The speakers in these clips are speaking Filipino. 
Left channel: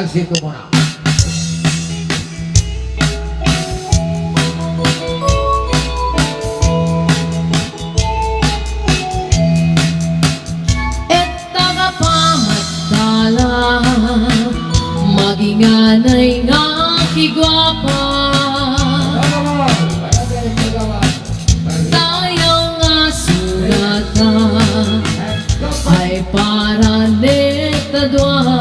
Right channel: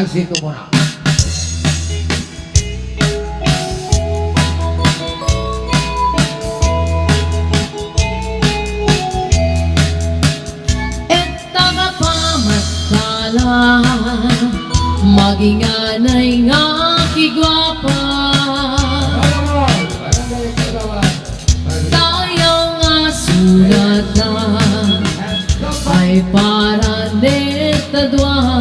salsito muna. Maginganay nga kigwapa, tayo nga sunata ay para neta dua.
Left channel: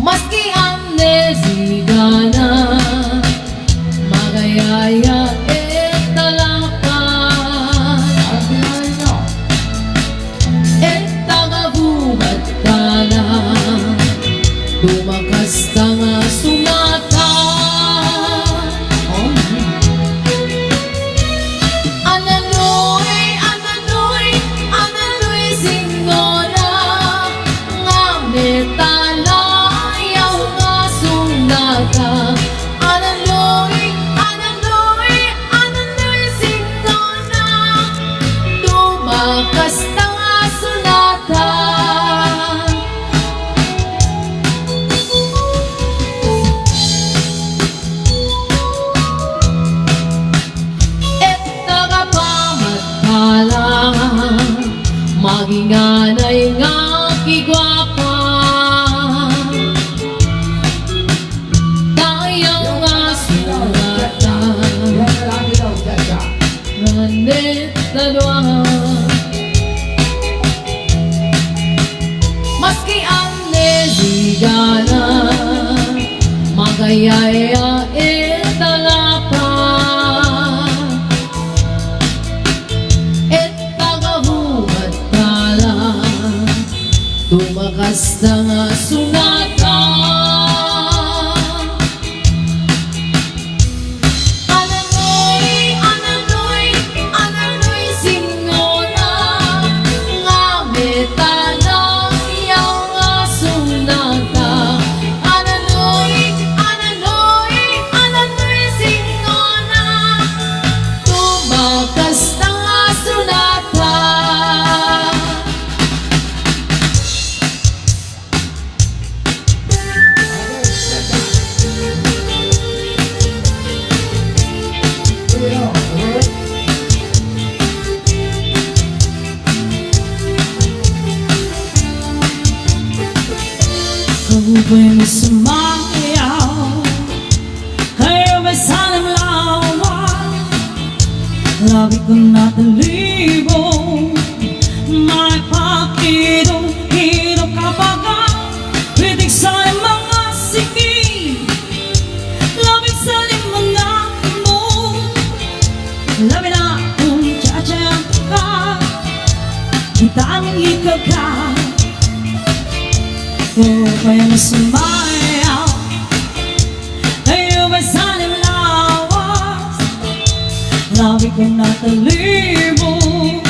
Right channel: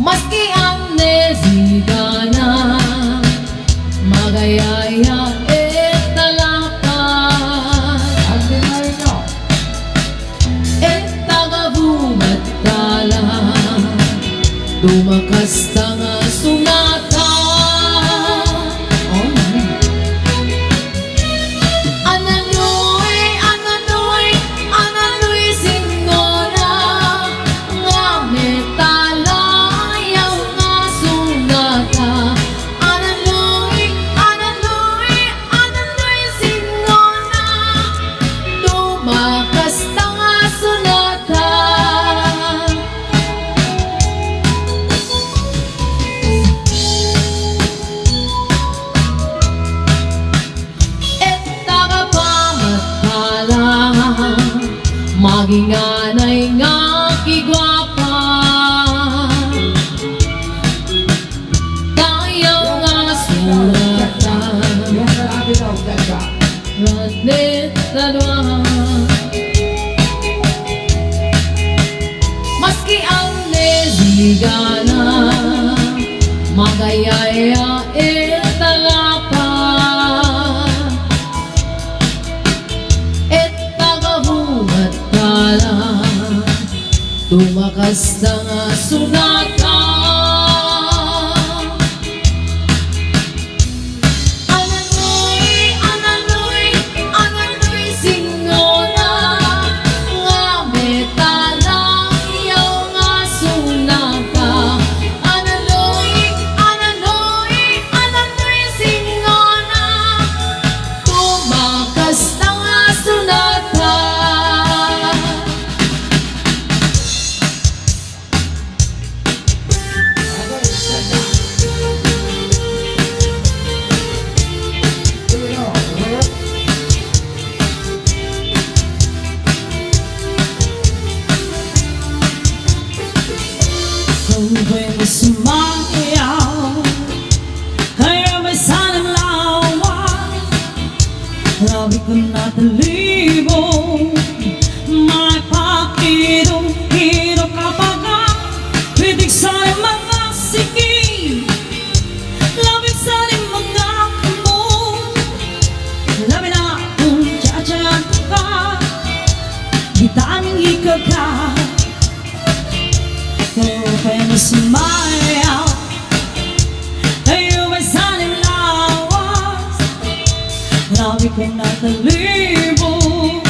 Maski ang nesigana magayaya dumakas tanga sunata. Ananoy singona nga metala yaw nga sunata. Ananoy singona dumakas tanga sunata. Maginganay nga kigwapa, tayo nga sunata ranet dalwa. Maski ang nesigana magayaya talapa. Tumakas na nga sunata. Ananoy singona nga metala yaw nga sunata. Ananoy singona tumakas na nga sunata. Ba'y sumayaw? Kayo ba'y sanang lawan? Labi ko na talibong may pakirong-hirong kapagang pitig sanang mga siki, labing sanang mga kumong, labi na kung tsatsyan ka, di tanging ikaw ka. Kayo na sumayaw, kayo ba'y sanang lawas? Labi ko na talibong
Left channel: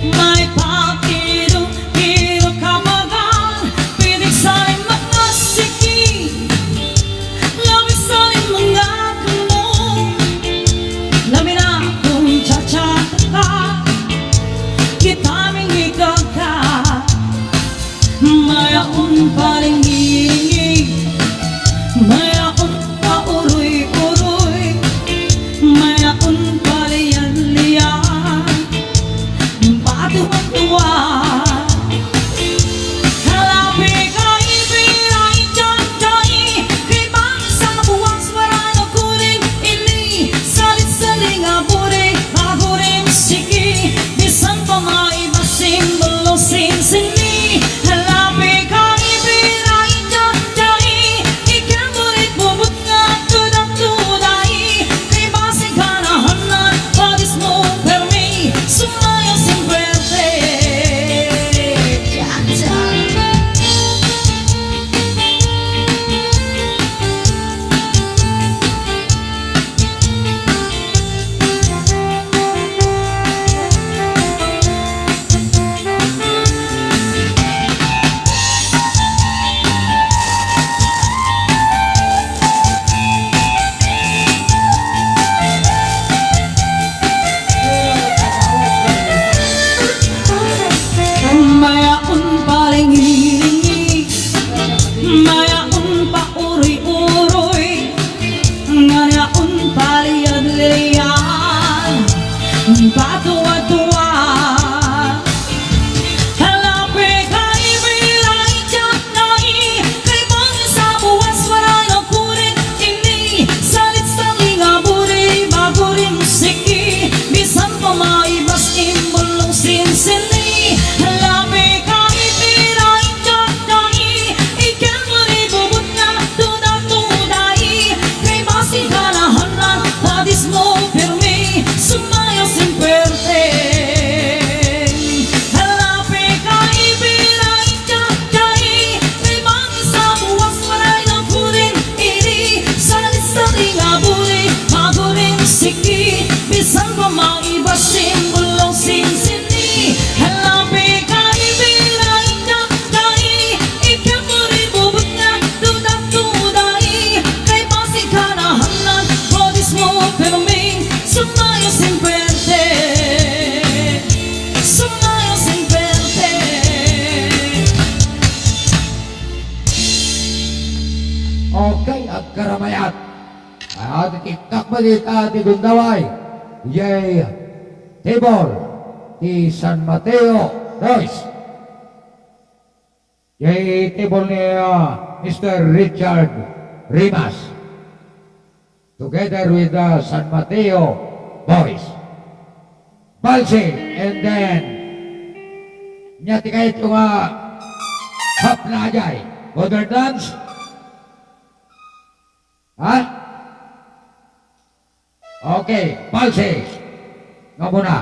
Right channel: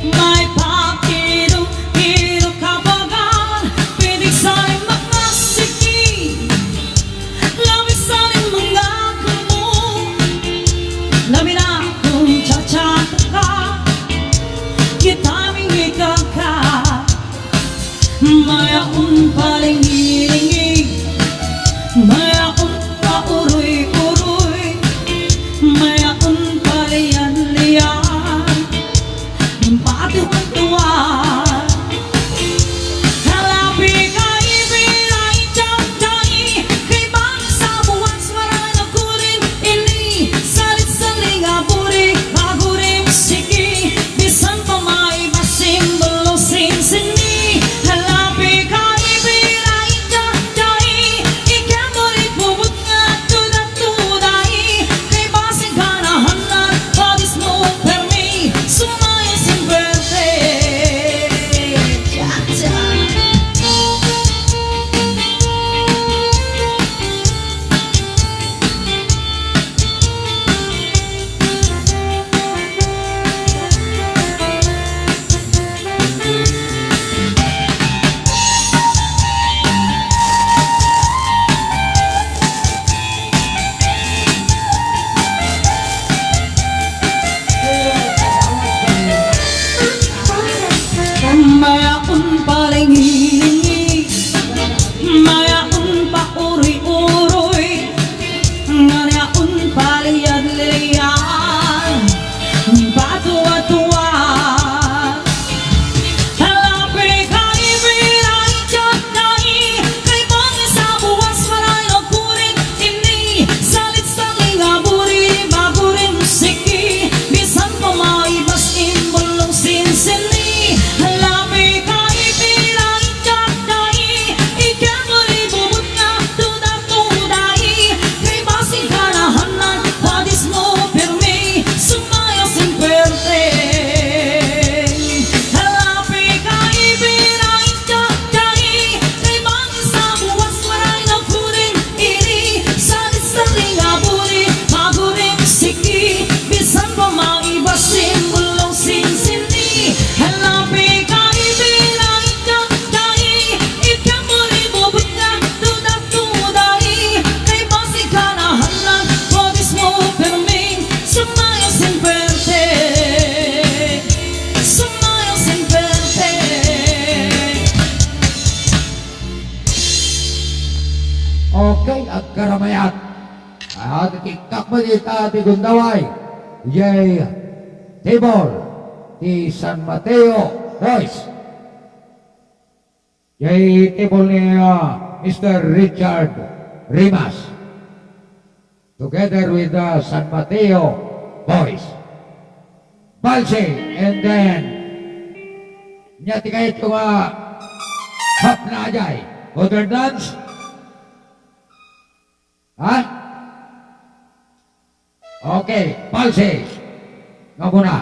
may pakirong-hirong kapagan, pitig sanang mga siki, labing sanang mga kumong, labi na kung tsatsata ka, kitaming ikaw ka. Mayaon palingi-lingi, mayaon pa uroy-uroy, mayaon palian-lian, yung patuwan-tuwan. Halapi ka ibiray tiyay, kay bangin sa buwang swarang akurin ini, salit-saling aburi, bagurin siki, bisan pa may basing belosin sini. Halapi ka kay agkaramayat. At kikakbalita ti Gundaway, yay, table, ti San Mateo, boys. Yay, table ni Mr. Richard Rimas. Together with San Mateo, boys. Balse, and then, nyati kahit yung hap na ajay. Modern dance? Ha? Okay, Balse. Nga muna.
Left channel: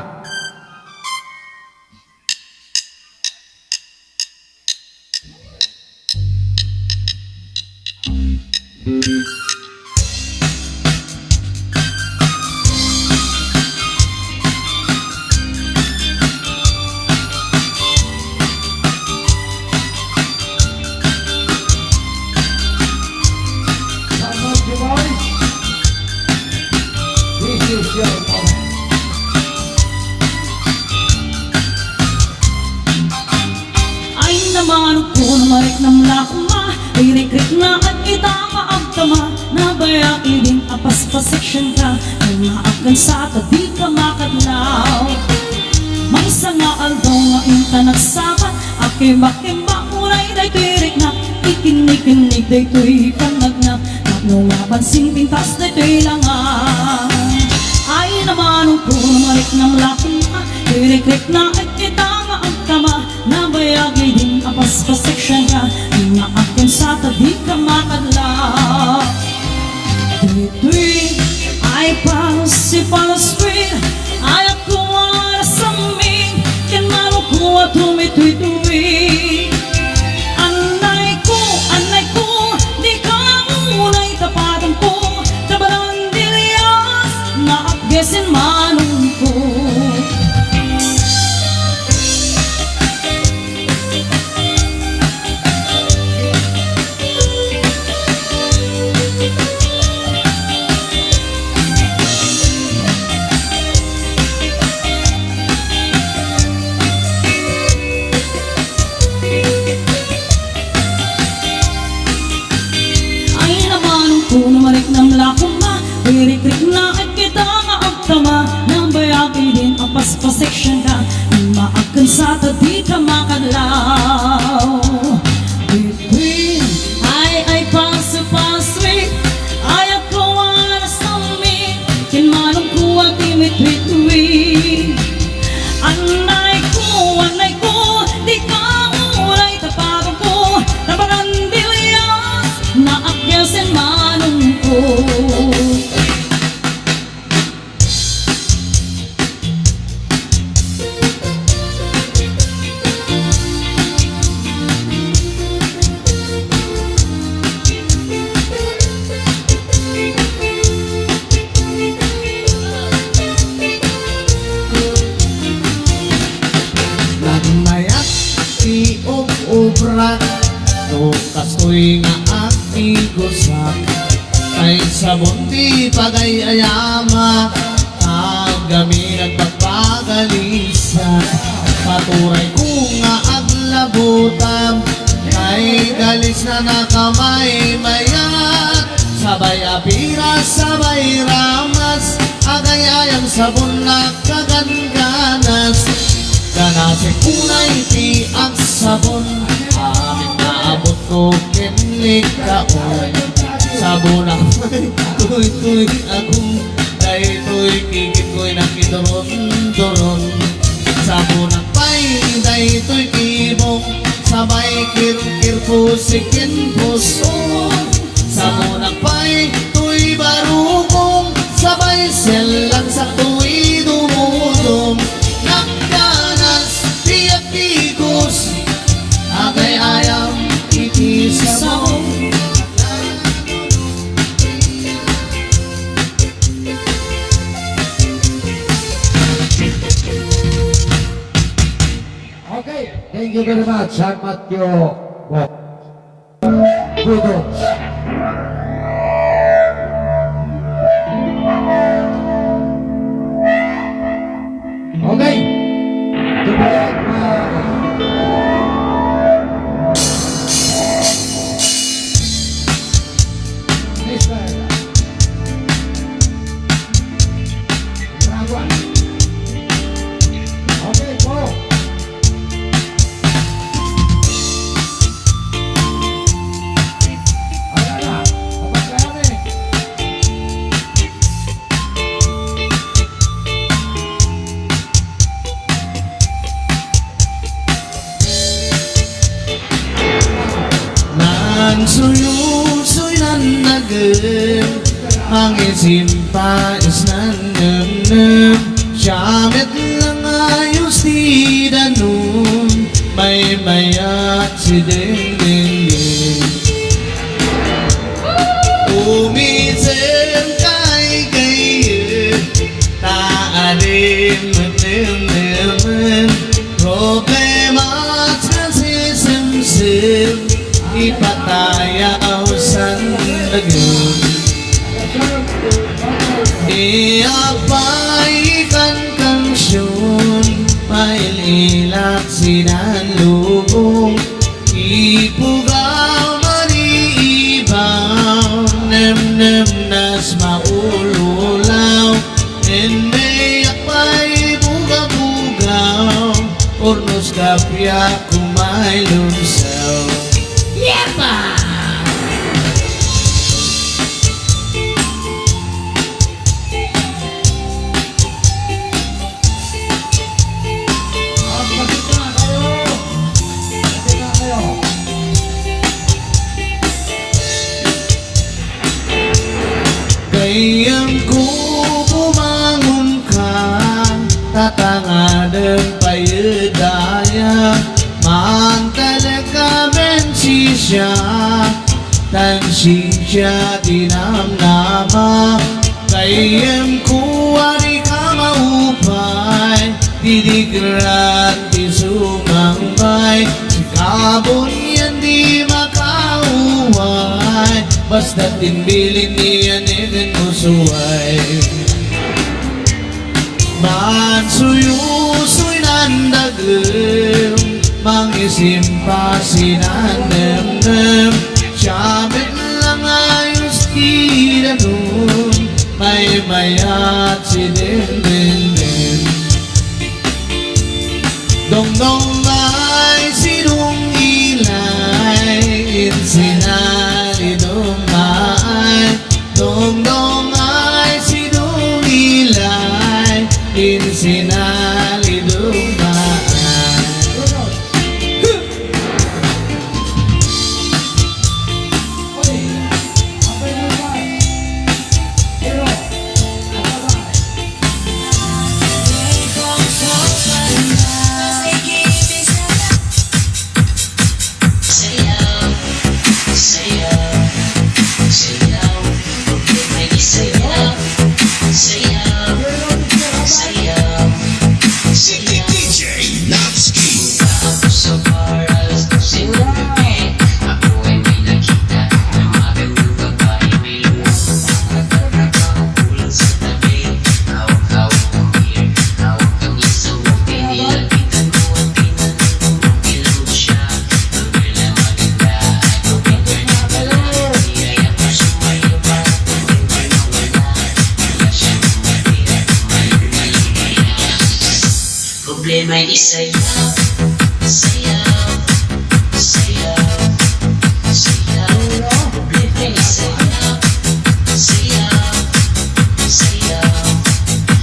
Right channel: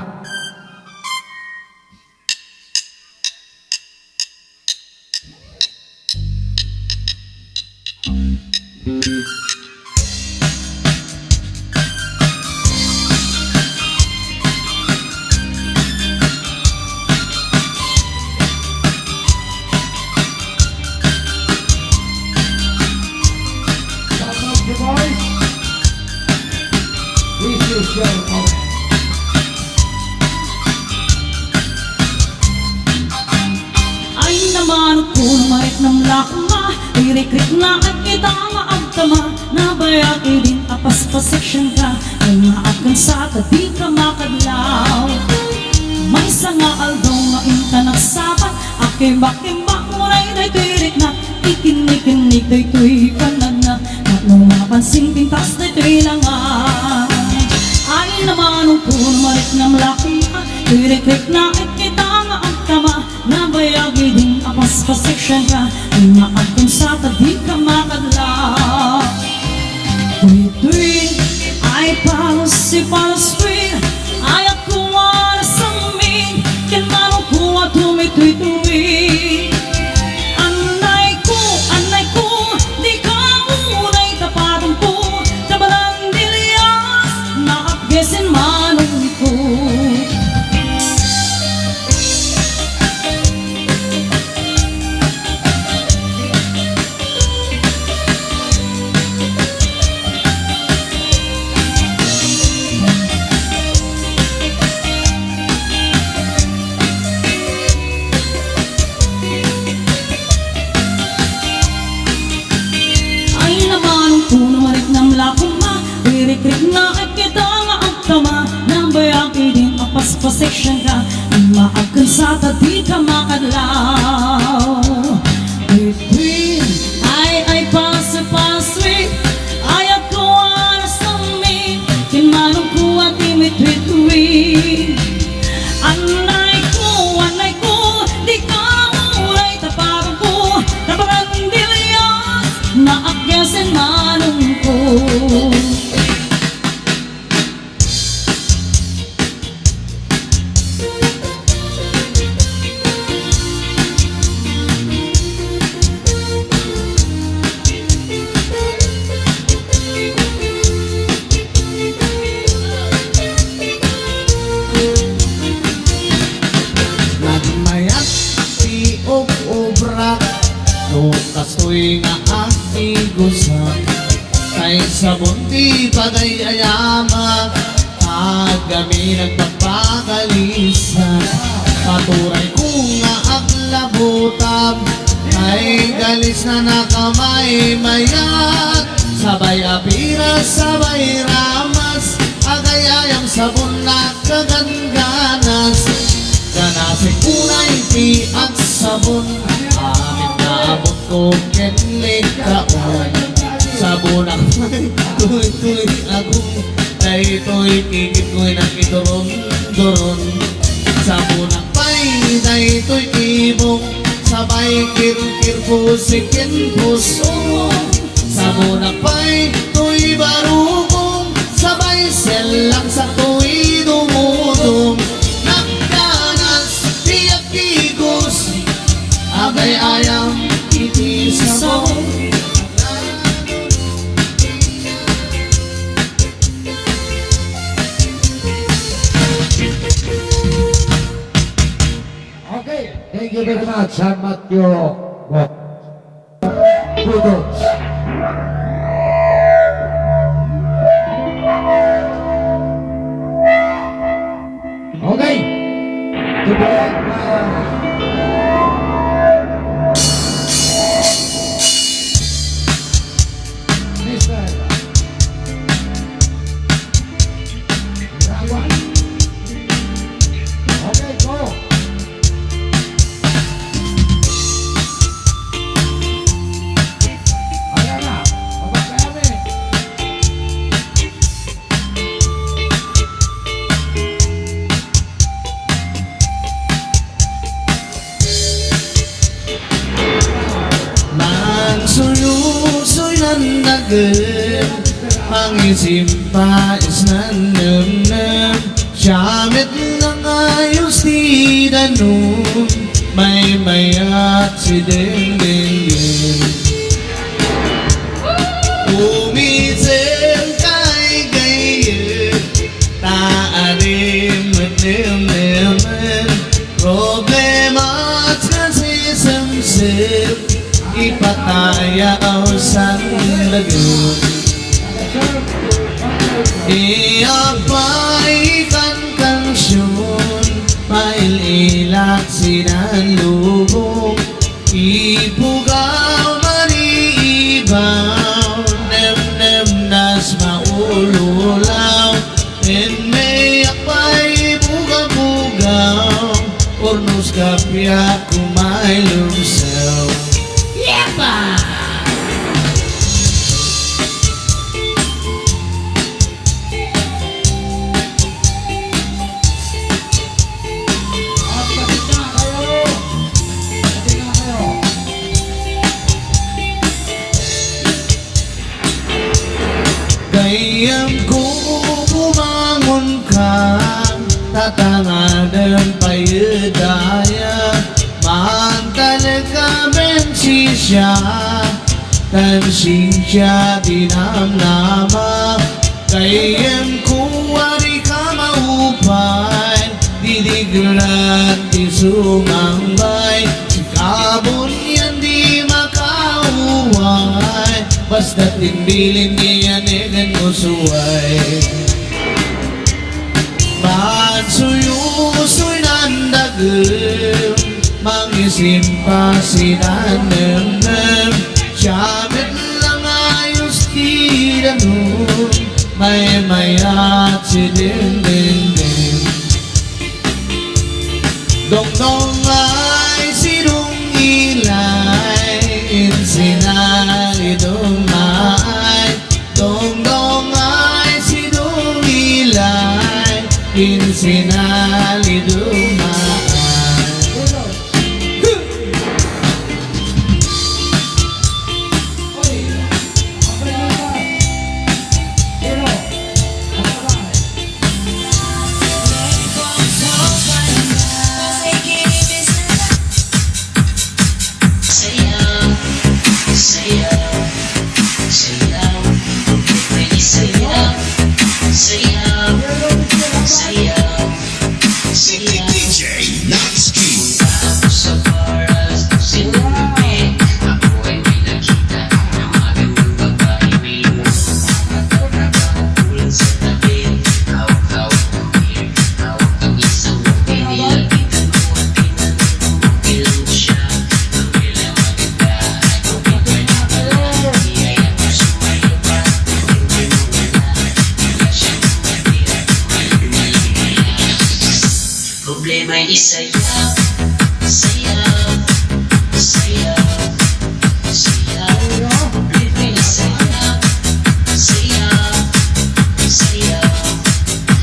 Some of you boys, this is your moment. Ay naman kung marik ng lakma Ririkrik na at itama ang tama Nabayak idin apas pa section ka Ay maakan sa di ka makadlaw May sanga aldaw nga inta nagsapat Akimbak-kimbak ngunay day tirik na Ikinik-kinik day tuy panagna Nung napansin pintas day tuy langan Ay naman kung marik ng lakma Ririkrik na at itama ang tama Nabayagi din apas pa section ka Inaakin sa di ka makadlaw Tuy-tuy ay palos sweet Ay ako na saming Kinmanong ko at tumitui-tui Anay ko Di ka unay tapatong ko Tabalan dilias Naapgesin manong ko Ririkrik na ay kita nga agtama Nabayagi din apas pa section ka Maakan sa di ka makadlaw Between ay paswit Ay ako na saming Kinmanong ko at imitwit-wit Anay ko Di ka unay tapatong ko Nabarandilias Naakyasin manong ko Nagmayat si obrak no kastoy nga agtigusak kay sabon di pagayayama agami nagpagpagalisan paturay ko nga aglabutam kay galis na nakamay mayat sabay apira sabay ramas agayayam sabon na kaganganas ganasi kunay ti ang sabon amin naabot ko kenlik kaon sabon ako'y tuy akong daytoy kikit ko'y nakidoron-doron sabon akpay daytoy ibong sabay kirkir pusikin puso sabon akpay tuy barukong sabay selang sa tuy dumudong agay ayam iti sabon Okay, thank you very much, San Mateo. Kudos. Okay. Tubuan Man suyusoy nan nagem Mangisimpa is nan nem Siyamit lang ayos di danum May mayat si ding ding ding Umisem kay kayo Taadim at nem Problema at kasi sim Ipataya ang sandagin Iapay kan kansyon Maililat sinan lubong Ipugaw maniibaw Nem nas maululaw May apay buga-bugaw Ornos kapya kumay lumsaw Yepa! Kayang ko bumangon ka Tatangadan payudaya Man talaga bensi siya Tansi siya dinamnama Kayang ko wari ka maupay Didigran ti sumambay Sikabon yan di makauway Basta timbilin niya negan mo suway Man suyusoy nandagem Mangisimpa sinanem Siyamit lang ayos di danum May mayat si din din din Dong dong ay sinong ilay Insinali dumay Dong dong ay sinong ilay Insinali dumay Problema ay sayaw, sayaw, sayaw, sayaw. Problema ay sayaw, sayaw, sayaw,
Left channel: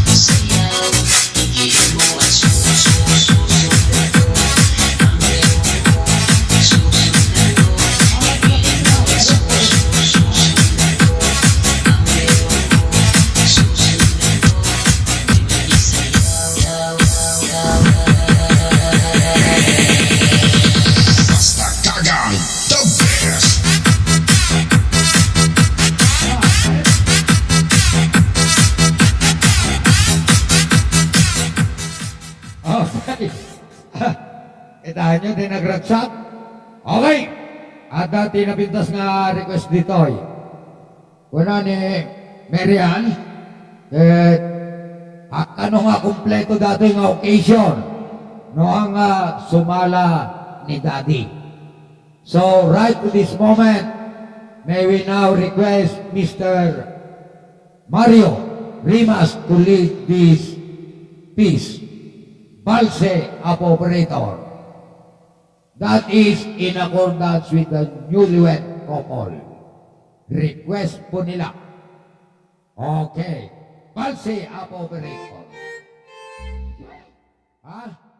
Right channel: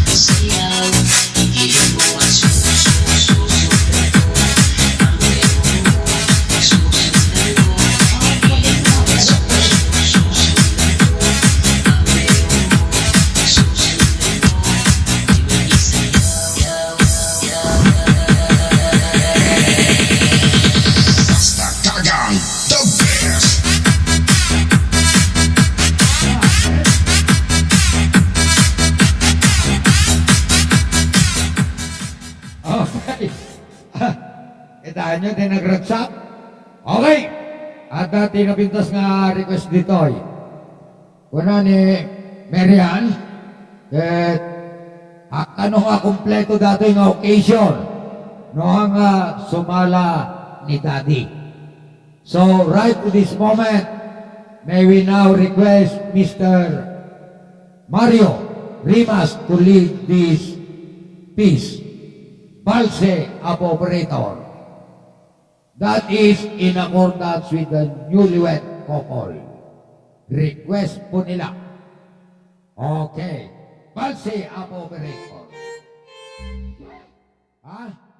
sayaw. Igilin mo at susundan ko ang meron mo, susundan ko. Igilin mo at susundan ko ang meron mo, susundan ko. Di ba isayaw, Basta Kagang, the best. Okay. Itahan nyo, din nagragsak. Okay. At dati napintas nga request dito. Kuna ni Marian. Ano nga kompleto dati nga occasion. No nga sumala ni Daddy. So right to this moment, may we now request Mr. Mario Rimas to lead this piece. Balse Apo Operator. That is in accordance with the newlywed couple. Request po nila. Okay. Balse Apo Operator. Ha?